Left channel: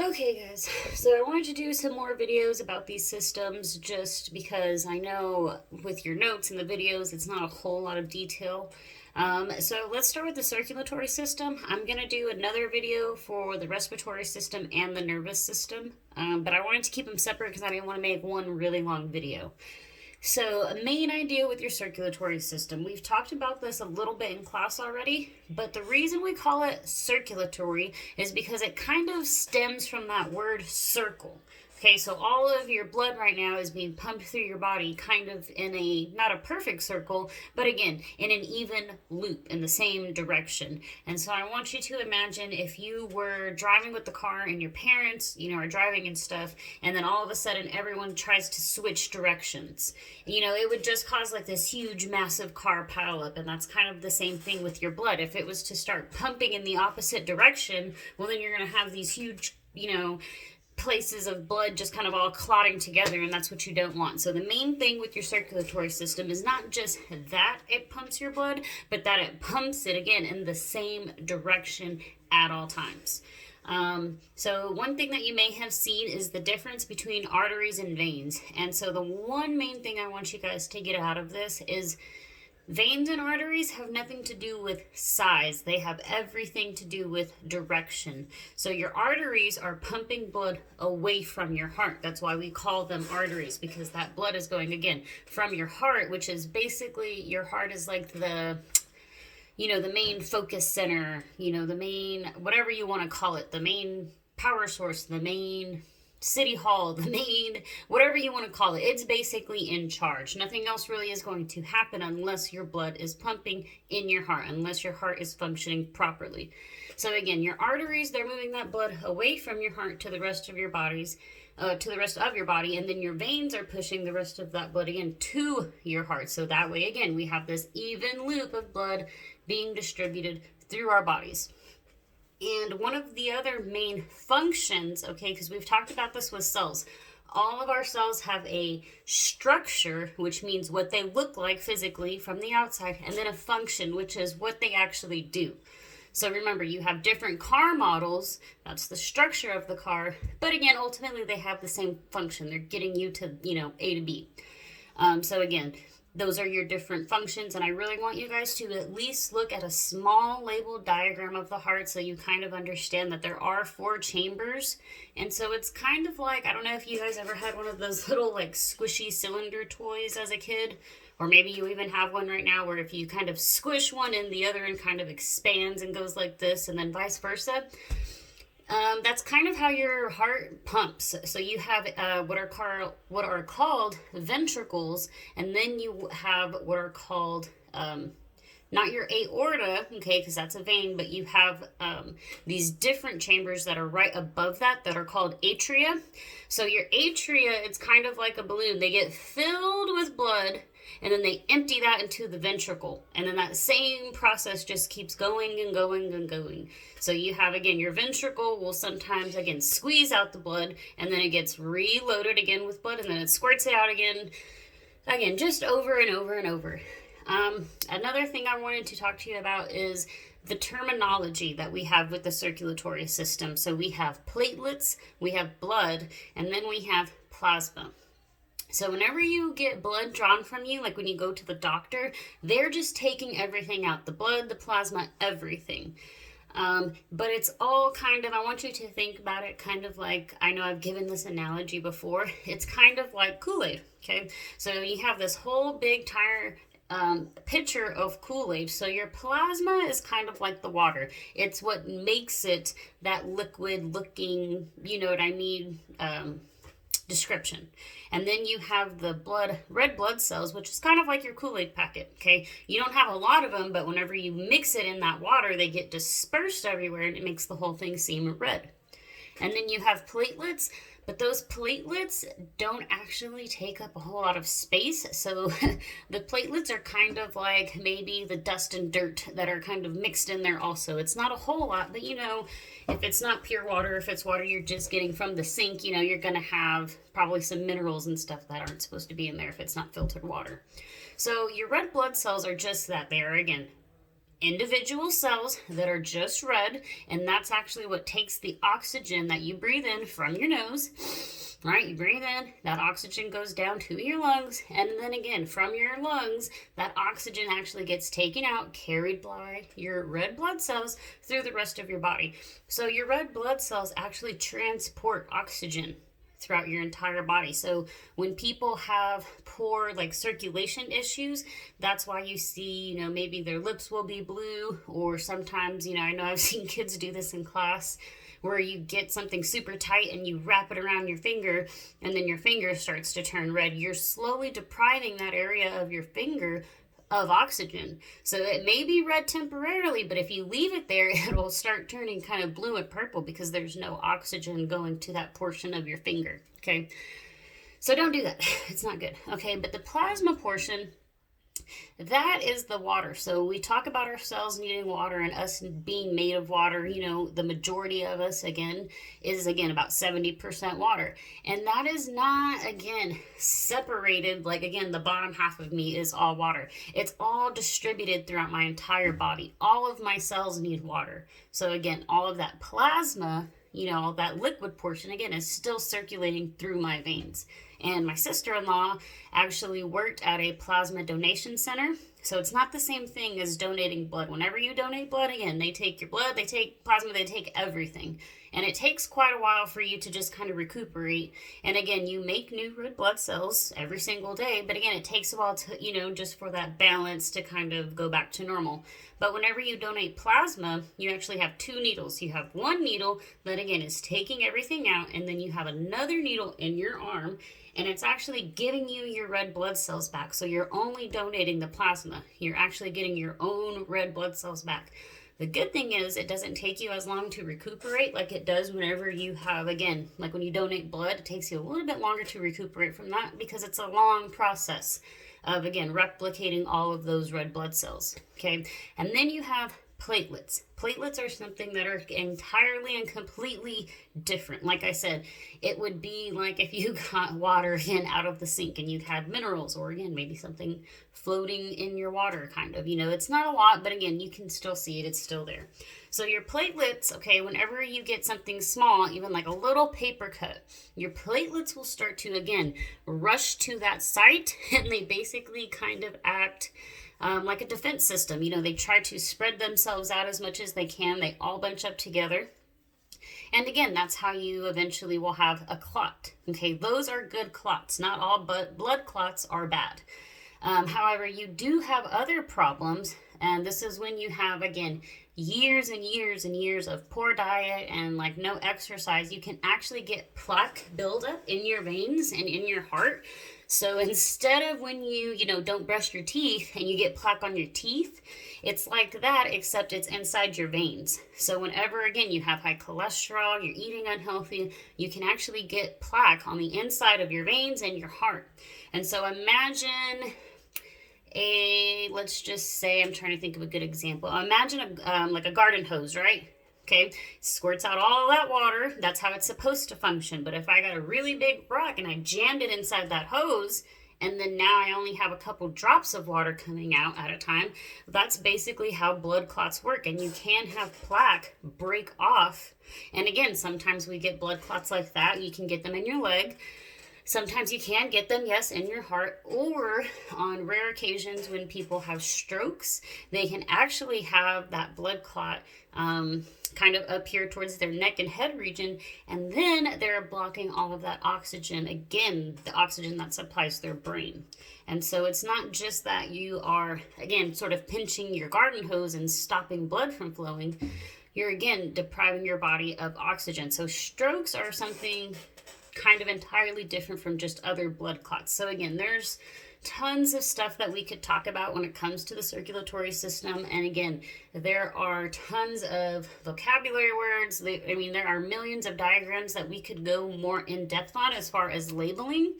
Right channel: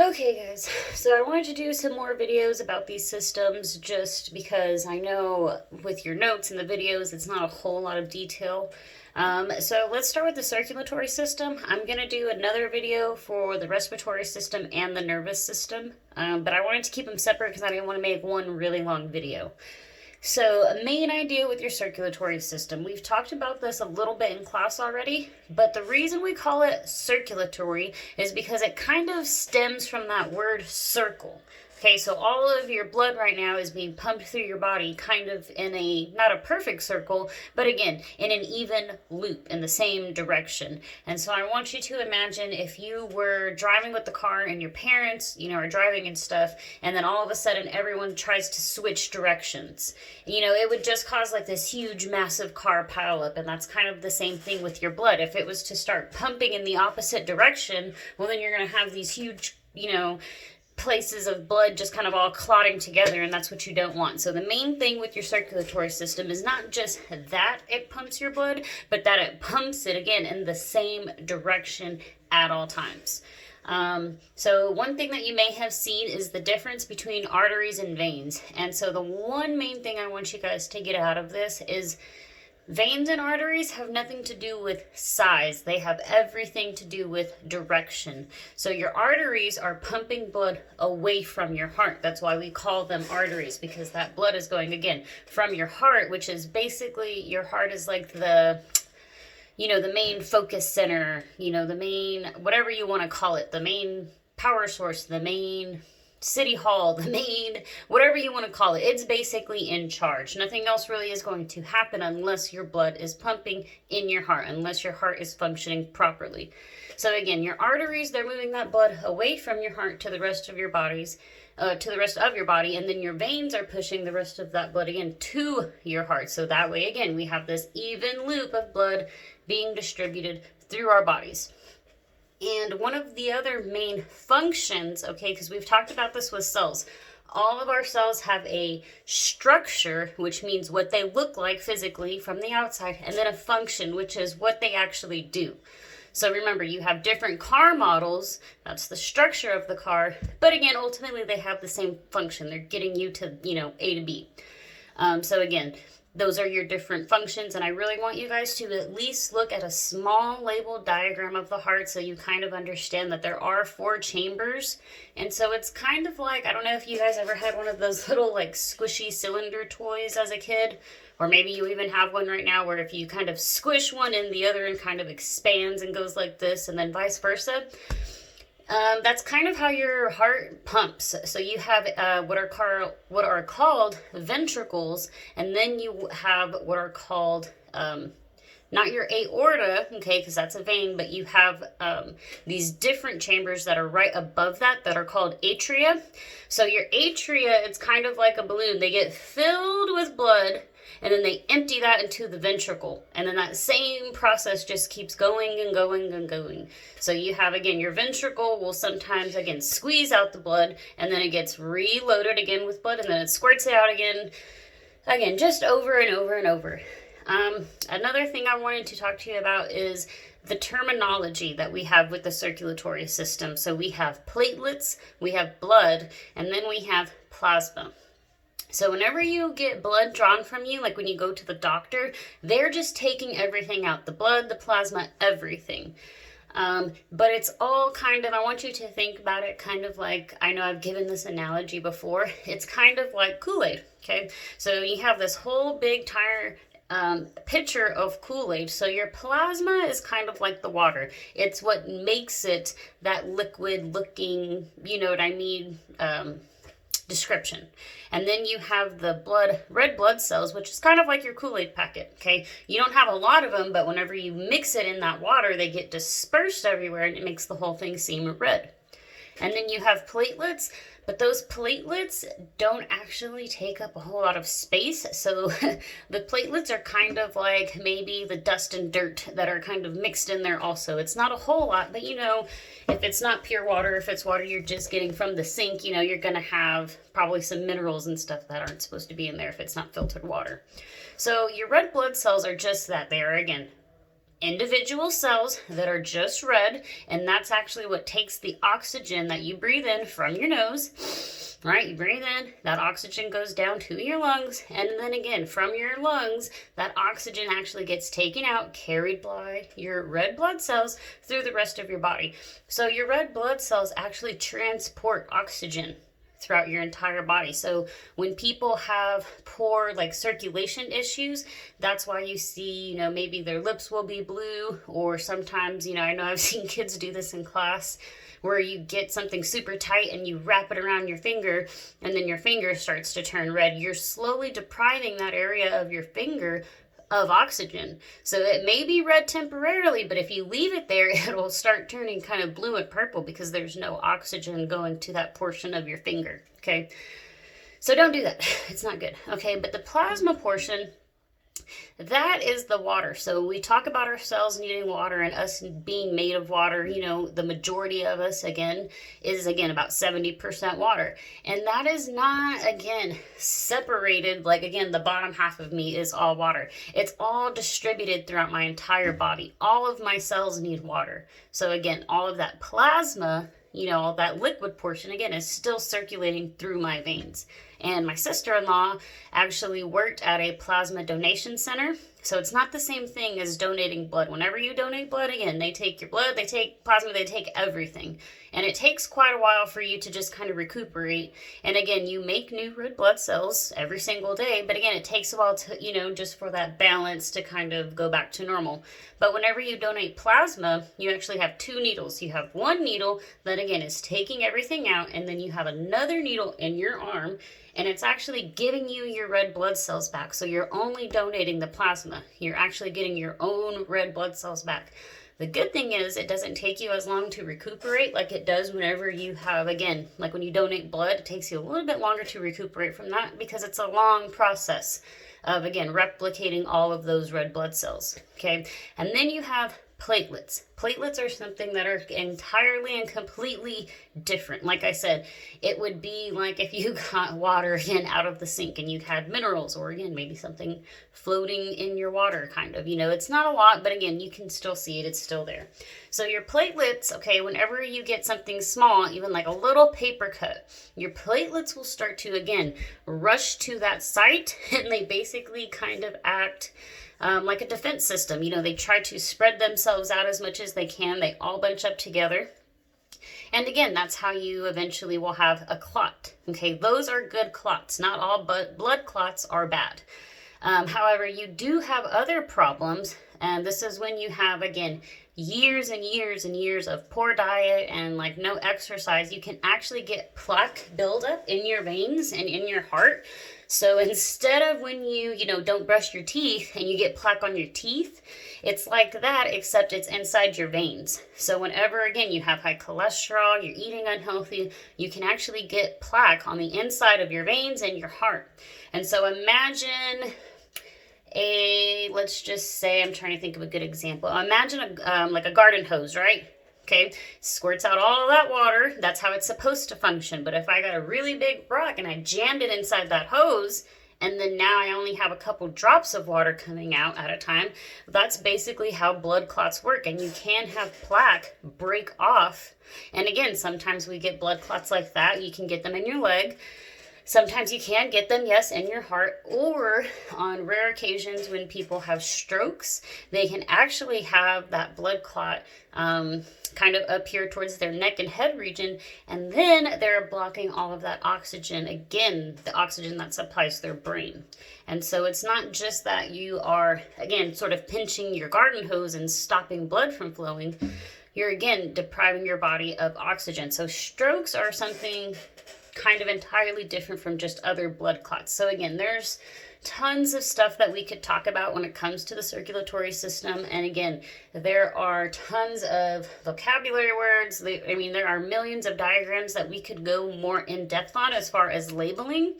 Okay, guys, so I wanted to do some more videos about these systems just because I know with your notes and the videos, it's not a whole lot of detail. So let's start with the circulatory system. I'm going to do another video for the respiratory system and the nervous system, but I wanted to keep them separate because I didn't want to make one really long video. So, a main idea with your circulatory system, we've talked about this a little bit in class already, but the reason we call it circulatory is because it kind of stems from that word circle. Okay, so all of your blood right now is being pumped through your body kind of in a, not a perfect circle, but again, in an even loop in the same direction. And so I want you to imagine if you were driving with the car and your parents, are driving and stuff, and then all of a sudden everyone tries to switch directions. It would just cause like this huge, massive car pileup, and that's kind of the same thing with your blood. If it was to start pumping in the opposite direction, well, then you're going to have these huge, places of blood just kind of all clotting together, and that's what you don't want. So the main thing with your circulatory system is not just that it pumps your blood, but that it pumps it again in the same direction at all times. So one thing that you may have seen is the difference between arteries and veins. And so the one main thing I want you guys to get out of this is veins and arteries have nothing to do with size. They have everything to do with direction. So your arteries are pumping blood away from your heart. That's why we call them arteries, because that blood is going, again, from your heart, which is basically, your heart is like the main focus center, the main, whatever you want to call it, the main power source, the main city hall, the main, whatever you want to call it. It's basically in charge. Nothing else really is going to happen unless your blood is pumping in your heart, unless your heart is functioning properly. So again, your arteries, they're moving that blood away from your heart to the rest of your bodies, to the rest of your body, and then your veins are pushing the rest of that blood again to your heart. So that way, again, we have this even loop of blood being distributed through our bodies. And one of the other main functions, okay, because we've talked about this with cells, all of our cells have a structure, which means what they look like physically from the outside, and then a function, which is what they actually do. So remember, you have different car models, that's the structure of the car, but again, ultimately they have the same function. They're getting you to, A to B. So again, those are your different functions, and I really want you guys to at least look at a small labeled diagram of the heart so you kind of understand that there are 4 chambers. And so it's kind of like, I don't know if you guys ever had one of those little like squishy cylinder toys as a kid, or maybe you even have one right now where if you kind of squish one in, the other end kind of expands and goes like this, and then vice versa. That's kind of how your heart pumps. So you have what are called ventricles, and then you have what are called not your aorta, okay, because that's a vein, but you have these different chambers that are right above that are called atria. So your atria, it's kind of like a balloon. They get filled with blood, and then they empty that into the ventricle. And then that same process just keeps going and going and going. So you have, again, your ventricle will sometimes, again, squeeze out the blood, and then it gets reloaded again with blood, and then it squirts it out again, just over and over and over. Another thing I wanted to talk to you about is the terminology that we have with the circulatory system. So we have platelets, we have blood, and then we have plasma. So whenever you get blood drawn from you, like when you go to the doctor, they're just taking everything out. The blood, the plasma, everything. But it's all kind of, I want you to think about it kind of like, I know I've given this analogy before, it's kind of like Kool-Aid, okay? So you have this whole big tire pitcher of Kool-Aid. So your plasma is kind of like the water. It's what makes it that liquid looking, you know what I mean, description. And then you have the red blood cells, which is kind of like your Kool-Aid packet, okay? You don't have a lot of them, but whenever you mix it in that water, they get dispersed everywhere, and it makes the whole thing seem red. And then you have platelets, but those platelets don't actually take up a whole lot of space. So the platelets are kind of like maybe the dust and dirt that are kind of mixed in there also. It's not a whole lot, but if it's not pure water, if it's water you're just getting from the sink, you're going to have probably some minerals and stuff that aren't supposed to be in there if it's not filtered water. So your red blood cells are just that. They are, again, individual cells that are just red, and that's actually what takes the oxygen that you breathe in from your nose, right? You breathe in, that oxygen goes down to your lungs, and then again, from your lungs, that oxygen actually gets taken out, carried by your red blood cells through the rest of your body. So your red blood cells actually transport oxygen throughout your entire body. So when people have poor like circulation issues, that's why you see, you know, maybe their lips will be blue, or sometimes, you know, I know I've seen kids do this in class where you get something super tight and you wrap it around your finger and then your finger starts to turn red. You're slowly depriving that area of your finger of oxygen. So it may be red temporarily, but if you leave it there, it'll start turning kind of blue and purple because there's no oxygen going to that portion of your finger, okay? So don't do that. It's not good, okay? But the plasma portion, that is the water. So we talk about our cells needing water and us being made of water. You know, the majority of us, again, is about 70% water. And that is not, again, separated, like, again, the bottom half of me is all water. It's all distributed throughout my entire body. All of my cells need water. So again, all of that plasma, you know, all that liquid portion, again, is still circulating through my veins. And my sister-in-law actually worked at a plasma donation center. So it's not the same thing as donating blood. Whenever you donate blood, again, they take your blood, they take plasma, they take everything. And it takes quite a while for you to just kind of recuperate. And again, you make new red blood cells every single day. But again, it takes a while to, you know, just for that balance to kind of go back to normal. But whenever you donate plasma, you actually have two needles. You have one needle that, again, is taking everything out. And then you have another needle in your arm. And it's actually giving you your red blood cells back. So you're only donating the plasma. You're actually getting your own red blood cells back. The good thing is it doesn't take you as long to recuperate like it does whenever you have, again, like when you donate blood, it takes you a little bit longer to recuperate from that because it's a long process of, again, replicating all of those red blood cells, okay? And then you have platelets. Platelets are something that are entirely and completely different. Like I said, it would be like if you got water again out of the sink and you had minerals, or again, maybe something floating in your water, kind of. You know, it's not a lot, but again, you can still see it. It's still there. So your platelets, okay, whenever you get something small, even like a little paper cut, your platelets will start to, again, rush to that site, and they basically kind of act like a defense system. You know, they try to spread themselves out as much as they can. They all bunch up together. And again, that's how you eventually will have a clot. Okay, those are good clots. Not all but blood clots are bad. However, you do have other problems. And this is when you have, again, years and years and years of poor diet and like no exercise. You can actually get plaque buildup in your veins and in your heart. So instead of when you don't brush your teeth and you get plaque on your teeth, it's like that, except it's inside your veins. So whenever, again, you have high cholesterol, you're eating unhealthy, you can actually get plaque on the inside of your veins and your heart. And so imagine let's just say, I'm trying to think of a good example. Imagine like a garden hose, right? Okay, squirts out all that water. That's how it's supposed to function. But if I got a really big rock and I jammed it inside that hose, and then now I only have a couple drops of water coming out at a time, that's basically how blood clots work. And you can have plaque break off. And again, sometimes we get blood clots like that. You can get them in your leg. Sometimes you can get them, yes, in your heart, or on rare occasions when people have strokes, they can actually have that blood clot kind of up here towards their neck and head region, and then they're blocking all of that oxygen, again, the oxygen that supplies their brain. And so it's not just that you are, again, sort of pinching your garden hose and stopping blood from flowing. You're, again, depriving your body of oxygen. So strokes are something kind of entirely different from just other blood clots. So again, there's tons of stuff that we could talk about when it comes to the circulatory system. And again, there are tons of vocabulary words. There are millions of diagrams that we could go more in depth on as far as labeling.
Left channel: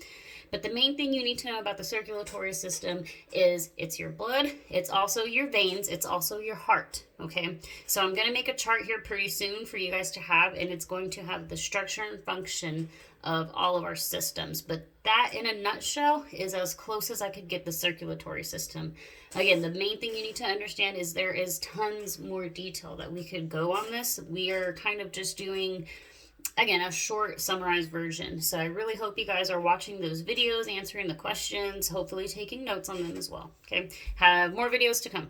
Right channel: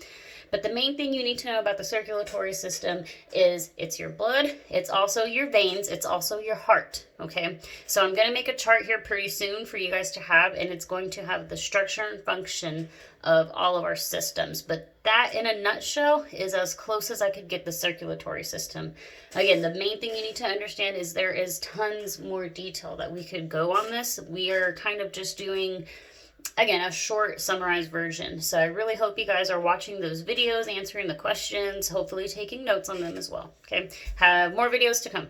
But the main thing you need to know about the circulatory system is it's your blood, it's also your veins, it's also your heart, okay? So I'm going to make a chart here pretty soon for you guys to have, and it's going to have the structure and function of all of our systems. But that, in a nutshell, is as close as I could get the circulatory system. Again, the main thing you need to understand is there is tons more detail that we could go on this. We are kind of just doing, again, a short summarized version. So I really hope you guys are watching those videos, answering the questions, hopefully taking notes on them as well. Okay, have more videos to come.